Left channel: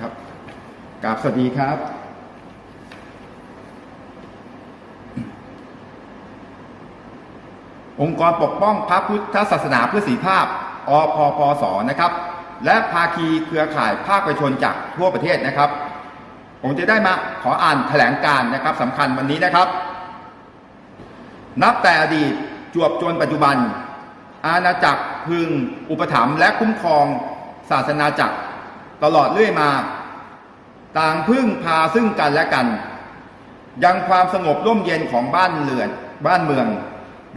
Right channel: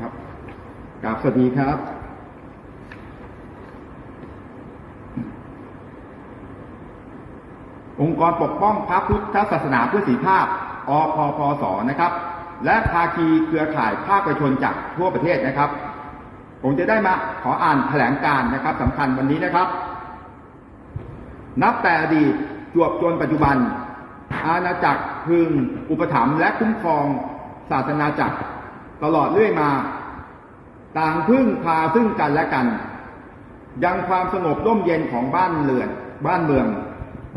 ครับกราบสวัสดีครับ องค์กรปกป้องพระพุทธศาสนาเพื่อสีภาพอพพสนะครับ และภาคีเครือข่ายภาคประชาชนจากทั่วประเทศนะครับ ผมจะได้มาขออ่านแถลงการนะครับสำคัญวันนี้นะครับ นับแต่อดีตจวบจนปัจจุบัน อาณาจักรพึงอุปถัมภ์และคุ้มครองศาสนาจักร ตลอดเรื่อยมา ต่างพึ่งพาซึ่งกันและกัน ยังความสงบร่มเย็นของบ้านเรือนบ้านเมือง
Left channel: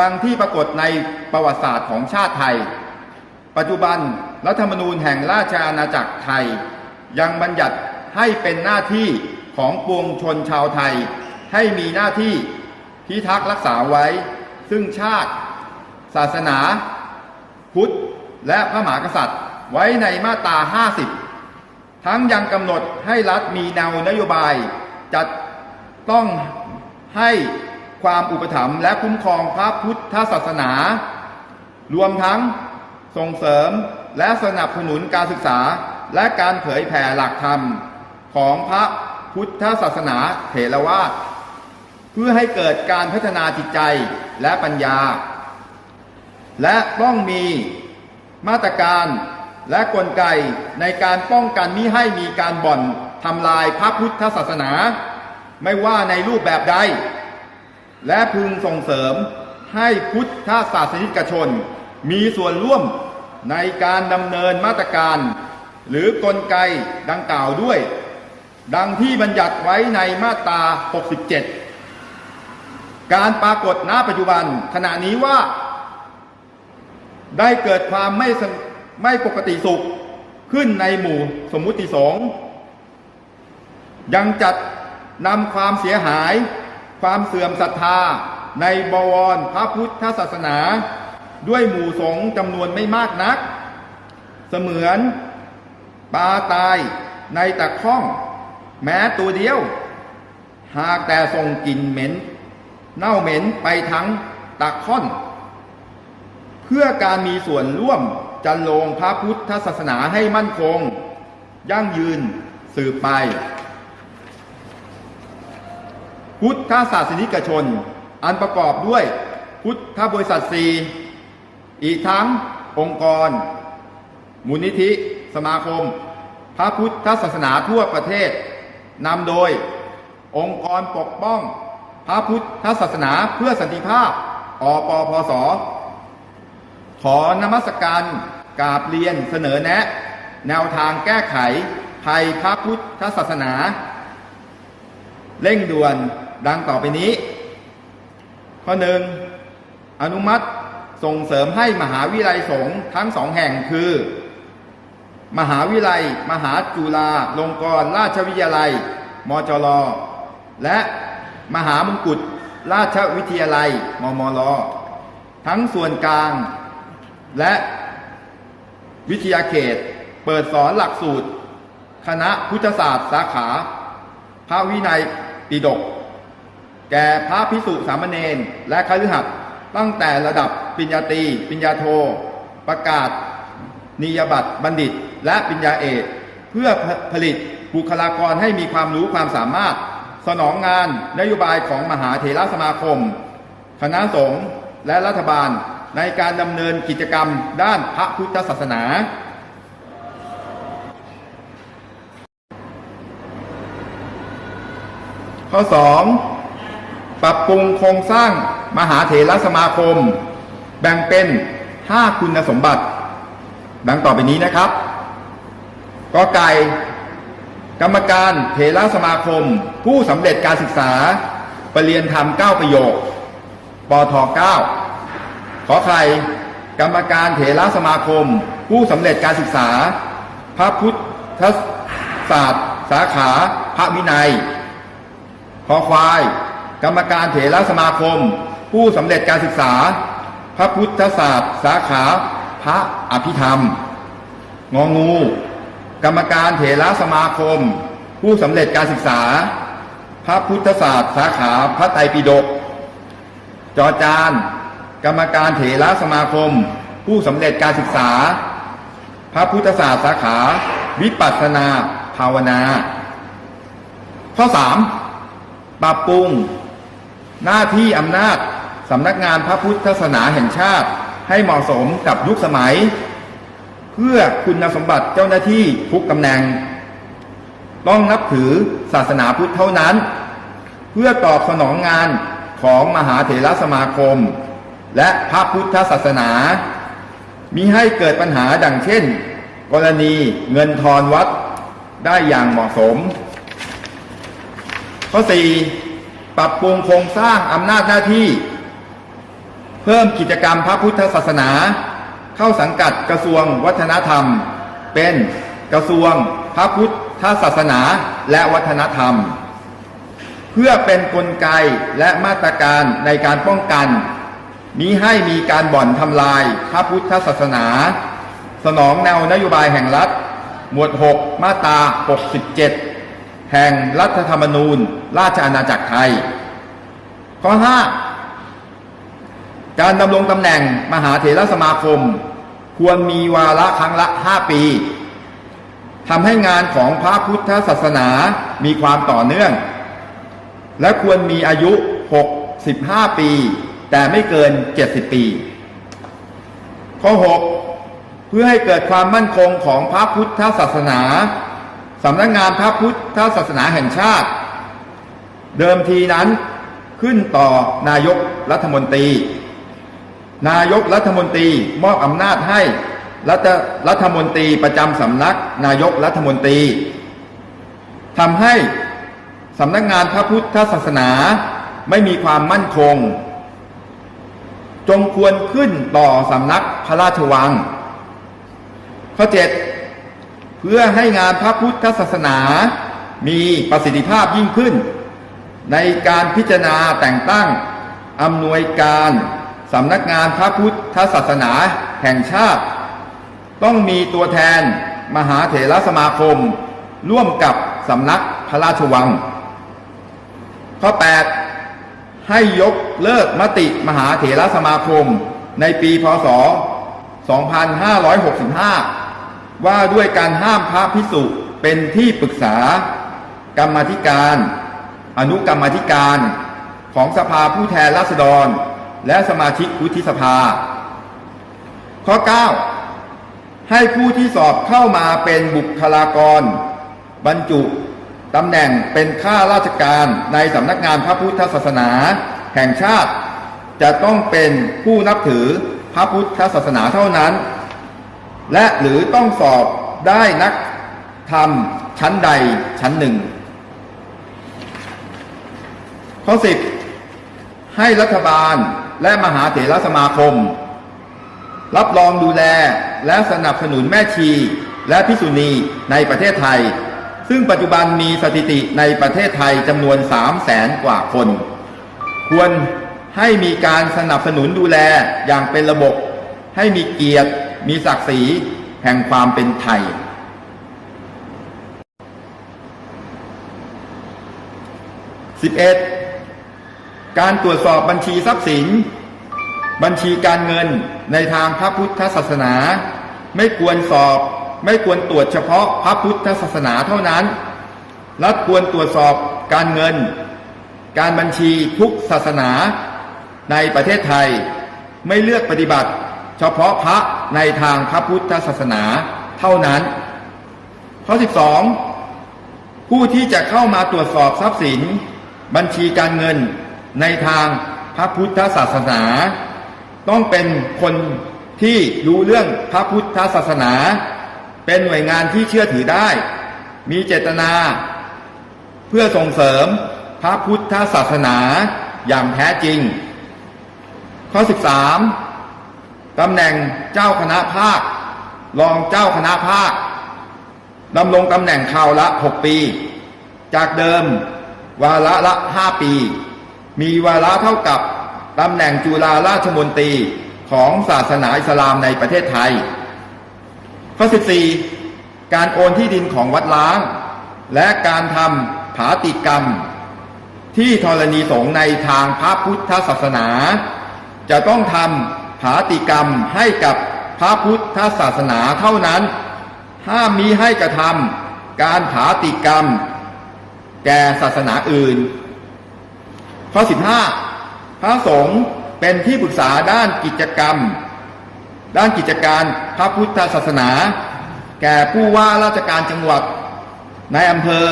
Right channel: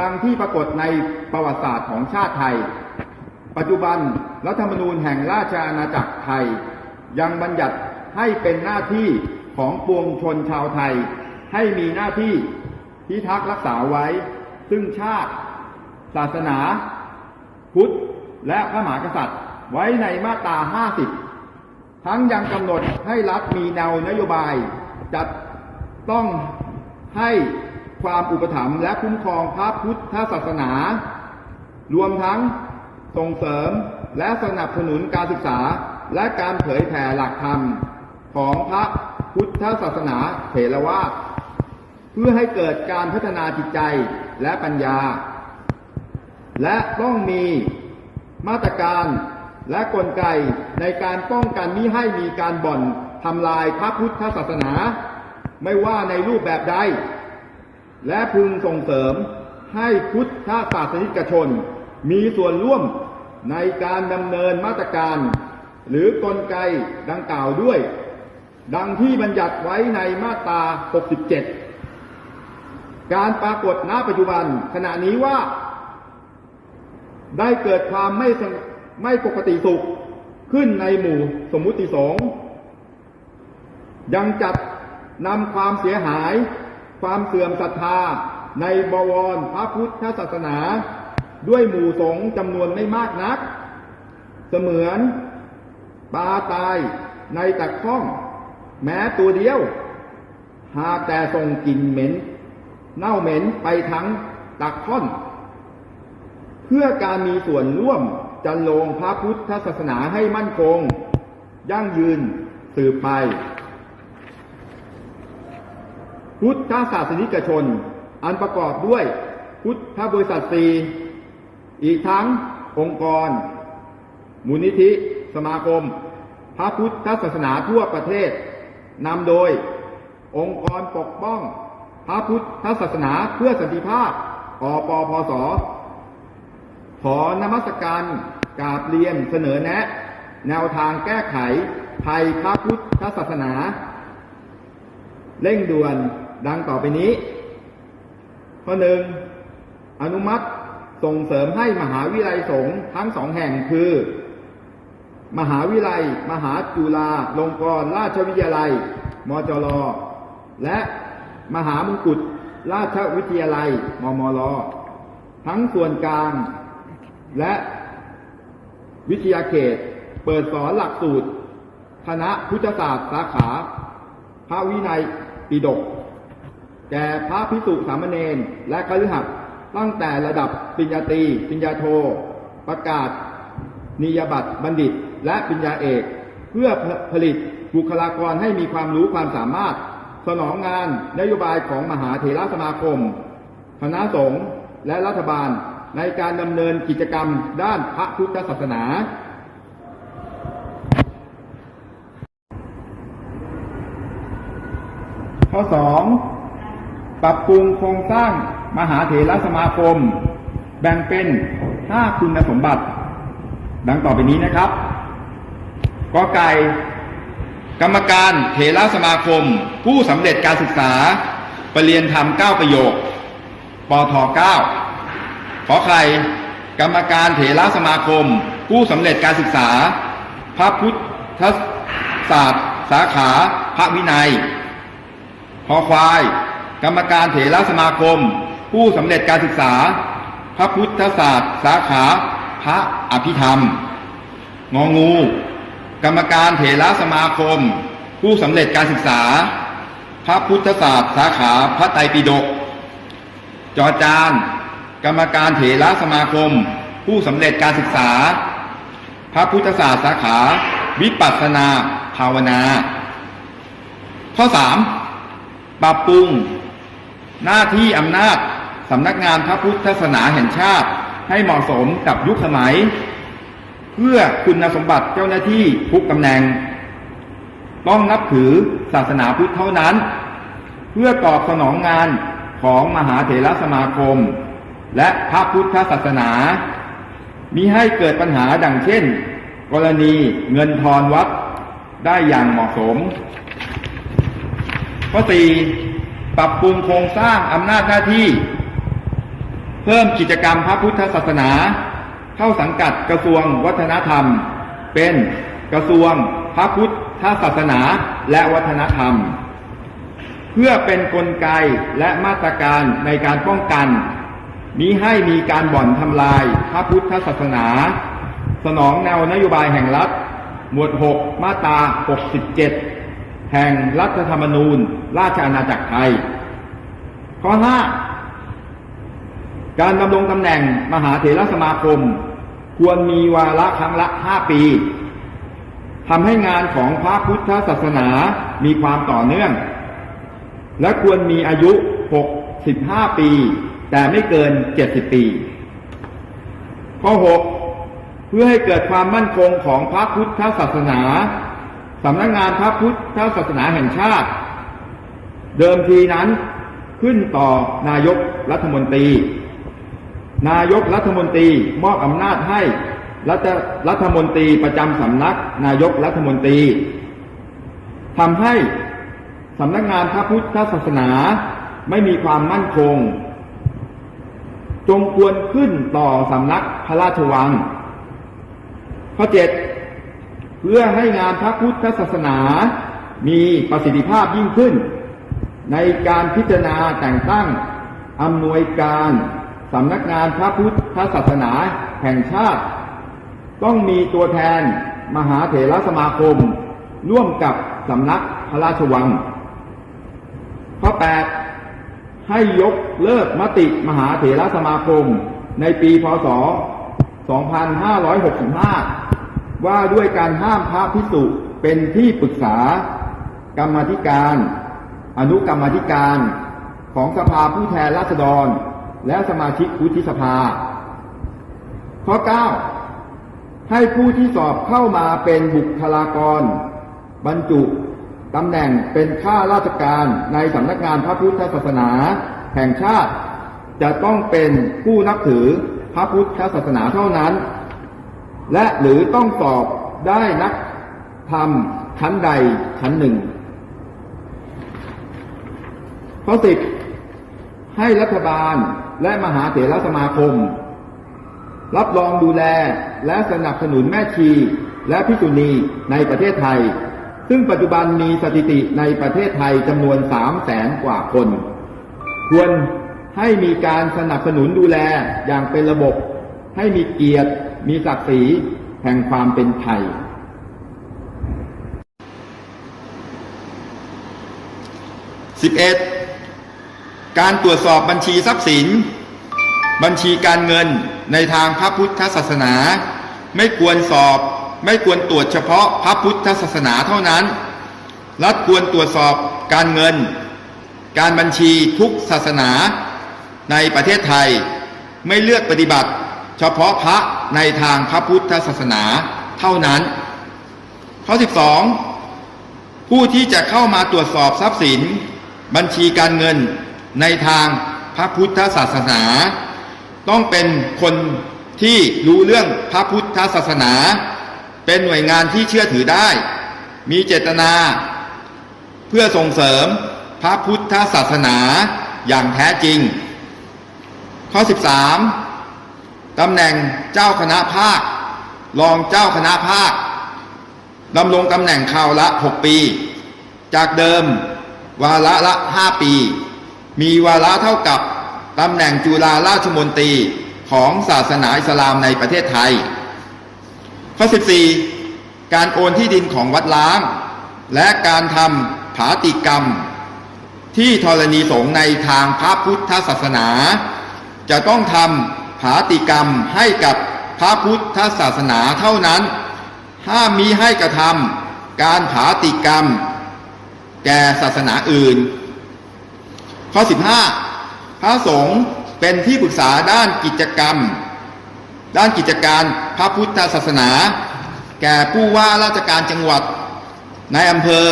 ดังที่ปรากฏในประวัติศาสตร์ของชาติไทย ปัจจุบันรัฐธรรมนูญแห่งราชอาณาจักรไทย ยังบัญญัติให้เป็นหน้าที่ของปวงชนชาวไทย ให้มีหน้าที่พิทักษ์รักษาไว้ ซึ่งชาติ ศาสนา พุทธ และพระมหากษัตริย์ ไว้ในมาตรา 50 ทั้งยังกำหนดให้รัฐมีแนวนโยบาย จัดต้องให้ความอุปถัมภ์และคุ้มครองพระพุทธศาสนา รวมทั้งส่งเสริมและสนับสนุนการศึกษาและการเผยแผ่หลักธรรมของพระพุทธศาสนาเถรวาทเพื่อให้เกิดการพัฒนาจิตใจและปัญญา และต้องมีมาตรการ และกลไกในการป้องกันมิให้มีการบ่อนทำลายพระพุทธศาสนา ไม่ว่าในรูปแบบใด และพึงส่งเสริมให้พุทธศาสนิกชน มีส่วนร่วมในการดำเนินมาตรการ หรือกลไกดังกล่าวด้วย ดังที่บัญญัติไว้ในมาตรา 67 การปรากฏณปัจจุบันขณะนี้ว่า ได้เกิดความไม่สง ไม่ปกติสุขขึ้นในหมู่สมมุติสงฆ์ยังจัดนำความเสียหาย ความเสื่อมศรัทธา ในบวรพระพุทธศาสนา ด้วยหมู่สงฆ์จำนวนไม่มากนัก เสมือนปลาตายในตะข้อง แม้ตัวเดียว หากแต่ส่งกลิ่นเหม็น เน่าเหม็นไปทั้งตะค่อน เพื่อการมีส่วนร่วม จันโลงพระพุทธศาสนาให้มั่นคง ยั่งยืนสืบไป พุทธศาสนิกชน อันประกอบด้วยพุทธบริษัทสีอีกทั้งองค์กร มูลนิธิ สมาคม พระพุทธศาสนาทั่วประเทศนำโดยองค์กรปกป้อง พระพุทธศาสนาเพื่อสันติภาพอปพศ ขอนมัสการกราบเรียนเสนอแนะ แนวทางแก้ไข ภัยพระพุทธศาสนา เร่งด่วนดังต่อไปนี้ ข้อหนึ่งอนุมัติส่งเสริมให้มหาวิทยาลัยสงฆ์ทั้งสองแห่งคือ มหาวิทยาลัย มหาจุฬาลงกรณราชวิทยาลัย มจรและมหามงกุฎราชวิทยาลัย มมรทั้งส่วนกลาง และวิทยาเขต เปิดสอนหลักสูตร คณะพุทธศาสตร์สาขา พระวินัยปิฎกแก่พระพิสุสามเณรและคฤหัสถ์ตั้งแต่ระดับปริญญาตรีปริญญาโท ประกาศ นิยบัตรบัณฑิต และปริญญาเอก เพื่อผลิตบุคลากรให้มีความรู้ความสามารถ สนองงานนโยบายของมหาเถรสมาคม คณะสงฆ์และรัฐบาล ในการดำเนินกิจกรรมด้านพระพุทธศาสนา ข้อ 2. ปรับปรุงโครงสร้างมหาเถรสมาคม แบ่งเป็น 5 คุณสมบัติ ดังต่อไปนี้นะครับกอไก่กรรมการเถรสมาคม ผู้สำเร็จการศึกษาปรริญญาธรรม 9 ประโยคปท9 ขอไข่กรรมการเถรสมาคม ผู้สำเร็จการศึกษา พระพุทธศาสตร์ สาขา พระวินัยพอควาย กรรมการเถรสมาคม ผู้สำเร็จการศึกษา พระพุทธศาสตร์ สาขา พระอภิธรรม งองู กรรมการเถรสมาคม ผู้สำเร็จการศึกษา พระพุทธศาสตร์ สาขา พระไตรปิฎกจอจาน กรรมการเถระสมาคม ผู้สำเร็จการศึกษา พระพุทธศาสตร์สาขา วิปัสสนาภาวนา ข้อ 3. ปรับปรุง หน้าที่อำนาจสำนักงานพระพุทธศาสนาแห่งชาติ ให้เหมาะสมกับยุคสมัย เพื่อคุณสมบัติเจ้าหน้าที่ทุกตำแหน่ง ต้องนับถือศาสนาพุทธเท่านั้น เพื่อตอบสนองงานของมหาเถรสมาคม และพระพุทธศาสนามีให้เกิดปัญหาดังเช่น กรณีเงินทอนวัดได้อย่างเหมาะสม ข้อ 4. ปรับปรุงโครงสร้างอำนาจหน้าที่ เพิ่มกิจกรรมพระพุทธศาสนา เข้าสังกัดกระทรวงวัฒนธรรม เป็นกระทรวงพระพุทธศาสนาและวัฒนธรรม เพื่อเป็นนกลไกและมาตรการในการป้องกัน มิให้มีการบ่อนทำลายพระพุทธศาสนา สนองแนวนโยบายแห่งรัฐ หมวด 6 มาตรา 67 แห่งรัฐธรรมนูญ ราชอาณาจักรไทย ข้อ 5 การดำรงตำแหน่งมหาเถรสมาคม ควรมีวาระครั้งละ 5 ปีทำให้งานของพระพุทธศาสนามีความต่อเนื่อง และควรมีอายุ 65 ปี แต่ไม่เกิน 70 ปี ข้อ 6 เพื่อให้เกิดความมั่นคงของพระพุทธศาสนาสำนักงงานพระพุทธศาสนาแห่งชาติ เดิมทีนั้นขึ้นต่อนายกรัฐมนตรี นายกรัฐมนตรีมอบอำนาจให้รัฐรัฐมนตรีประจำสำนักนายกรัฐมนตรีทำให้สำนักงานพระพุทธศาสนาไม่มีความมั่นคง จงควรขึ้นต่อสำนักพระราชวัง ข้อ7เพื่อให้งานพระพุทธศาสนามีประสิทธิภาพยิ่งขึ้น ในการพิจารณาแต่งตั้งอำนวยการสำนักงานพระพุทธศาสนาแห่งชาติ ต้องมีตัวแทนมหาเถรสมาคม ร่วมกับสำนักพระราชวัง ข้อ 8 ให้ยกเลิกมติมหาเถรสมาคม ในปีพศ 2565 ว่าด้วยการห้ามพระพิสุเป็นที่ปรึกษากรรมธิการ อนุกรรมธิการของสภาผู้แทนราษฎร และสมาชิกวุฒิสภา ข้อ 9 ให้ผู้ที่สอบเข้ามาเป็นบุคลากร บรรจุ ตำแหน่งเป็นข้าราชการในสำนักงานพระพุทธศาสนา แห่งชาติ จะต้องเป็นผู้นับถือพระพุทธศาสนาเท่านั้น และหรือต้องสอบได้นักธรรมชั้นใดชั้นหนึ่ง ข้อ10ให้รัฐบาลและมหาเถรสมาคม รับรองดูแลและสนับสนุนแม่ชีและพิสุณีในประเทศไทย ซึ่งปัจจุบันมีสถิติในประเทศไทยจำนวน3แสนกว่าคน ควรให้มีการสนับสนุนดูแลอย่างเป็นระบบ ให้มีเกียรติ มีศักดิ์ศรีแห่งความเป็นไทย 11. การตรวจสอบบัญชีทรัพย์สิน บัญชีการเงินในทางพระพุทธศาสนา ไม่ควรสอบ ไม่ควรตรวจเฉพาะพระพุทธศาสนาเท่านั้น รัฐควรตรวจสอบการเงิน การบัญชีทุกศาสนาในประเทศไทย ไม่เลือกปฏิบัติ เฉพาะพระในทางพระพุทธศาสนาเท่านั้น ข้อ 12 ผู้ที่จะเข้ามาตรวจสอบทรัพย์สิน บัญชีการเงินในทางพระพุทธศาสนา ต้องเป็นคนที่รู้เรื่องพระพุทธศาสนา เป็นหน่วยงานที่เชื่อถือได้ มีเจตนา เพื่อส่งเสริมพระพุทธศาสนาอย่างแท้จริง ข้อ 13ตำแหน่งเจ้าคณะภาค รองเจ้าคณะภาคดำรงตำแหน่งคราวละ 6 ปี จากเดิมวาระละ 5 ปี มีวาระเท่ากับตำแหน่งจุฬาราชมนตรีของศาสนาอิสลามในประเทศไทย ข้อ 14 การโอนที่ดินของวัดล้าง และการทำผาติกรรม ที่ธรณีสงในทางพระพุทธศาสนา จะต้องทำผาติกรรมให้กับพระพุทธศาสนาเท่านั้น ห้ามมีให้กระทการผาติกรรม แก่ศาสนาอื่น ข้อ 15 พระสงฆ์เป็นที่ปรึกษาด้านกิจกรรม ด้านกิจการ พระพุทธศาสนา แก่ผู้ว่าราชการจังหวัดในอำเภอ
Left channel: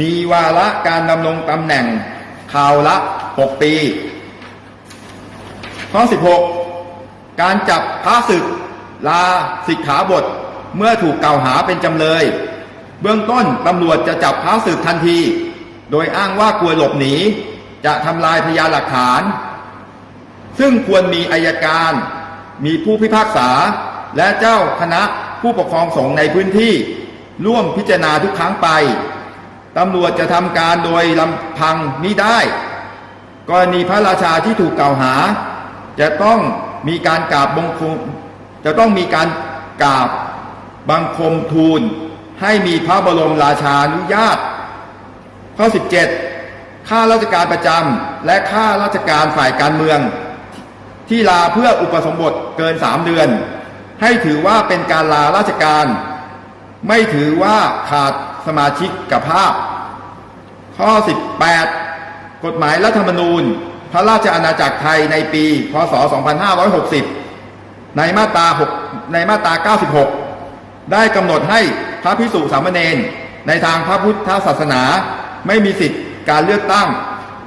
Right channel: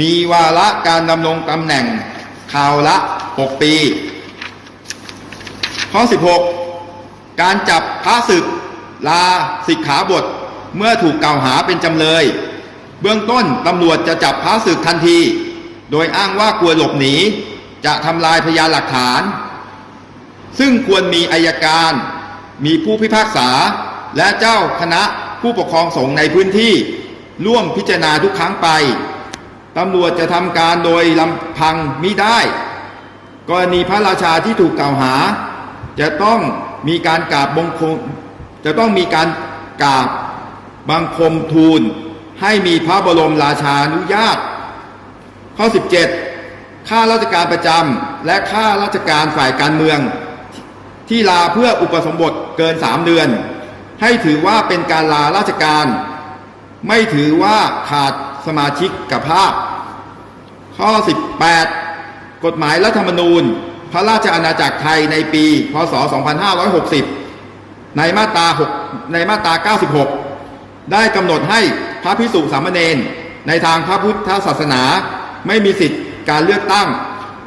มีวาระการดำรงตำแหน่งคราวละ 6 ปี ข้อ 16 การจับพระศึกลาสิกขาบทเมื่อถูกกล่าวหาเป็นจำเลย เบื้องต้นตำรวจจะจับพระศึกทันที โดยอ้างว่ากลัวหลบหนี จะทำลายพยานหลักฐาน ซึ่งควรมีอายการ มีผู้พิพากษา และเจ้าคณะผู้ปกครองสงฆ์ในพื้นที่ร่วมพิจารณาทุกครั้งไปตำรวจจะทำการโดยลำพังมิได้ กรณีพระราชาที่ถูกกล่าวหา จะต้องมีการกราบบังคมจะต้องมีการกราบบังคมทูล ให้มีพระบรมราชานุญาต ข้อ 17 ข้าราชการประจำและข้าราชการฝ่ายการเมือง ที่ลาเพื่ออุปสมบทเกิน3เดือน ให้ถือว่าเป็นการลาราชการ ไม่ถือว่าขาดสมาชิกกับภาพ ข้อ 18 กฎหมายรัฐธรรมนูญ พระราชอาณาจักรไทยในปี พศ 2560 ในมาตรา6ในมาตรา 96 ได้กำหนดให้พระพิสุสามเณรในทางพระพุทธศาสนา ไม่มีสิทธิการเลือกตั้ง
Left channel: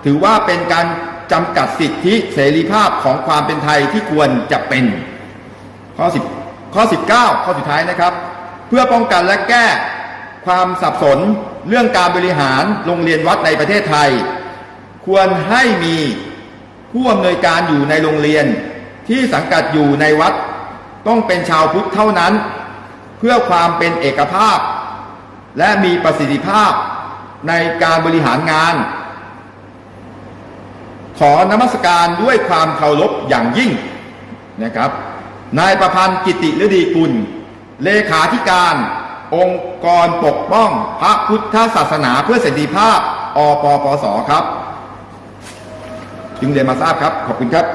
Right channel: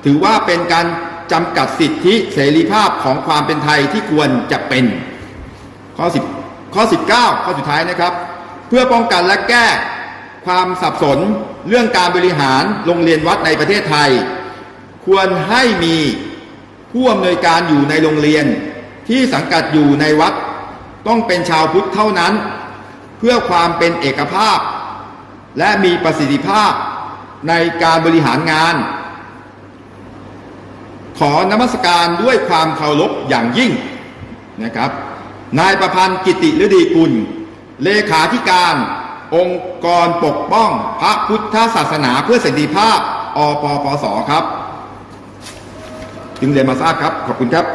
ถือว่าเป็นการจำกัดสิทธิเสรีภาพของความเป็นไทยที่ควรจะเป็นข้อ10 ข้อ 19 ข้อสุดท้ายนะครับ เพื่อป้องกันและแก้ความสับสนเรื่องการบริหารโรงเรียนวัดในประเทศไทย ควรให้มีผู้อำนวยการอยู่ในโรงเรียนที่สังกัดอยู่ในวัด ต้องเป็นชาวพุทธเท่านั้น เพื่อความเป็นเอกภาพ และมีประสิทธิภาพในการบริหารงาน ขอนมัสการด้วยความเคารพอย่างยิ่งนะครับ นายประพันธ์กิติฤดีกุล เลขาธิการ องค์กรปกป้องพระพุทธศาสนาเพื่อเสรีภาพอปปสครับ จึงเรียนมาทราบครับ ขอบคุณครับ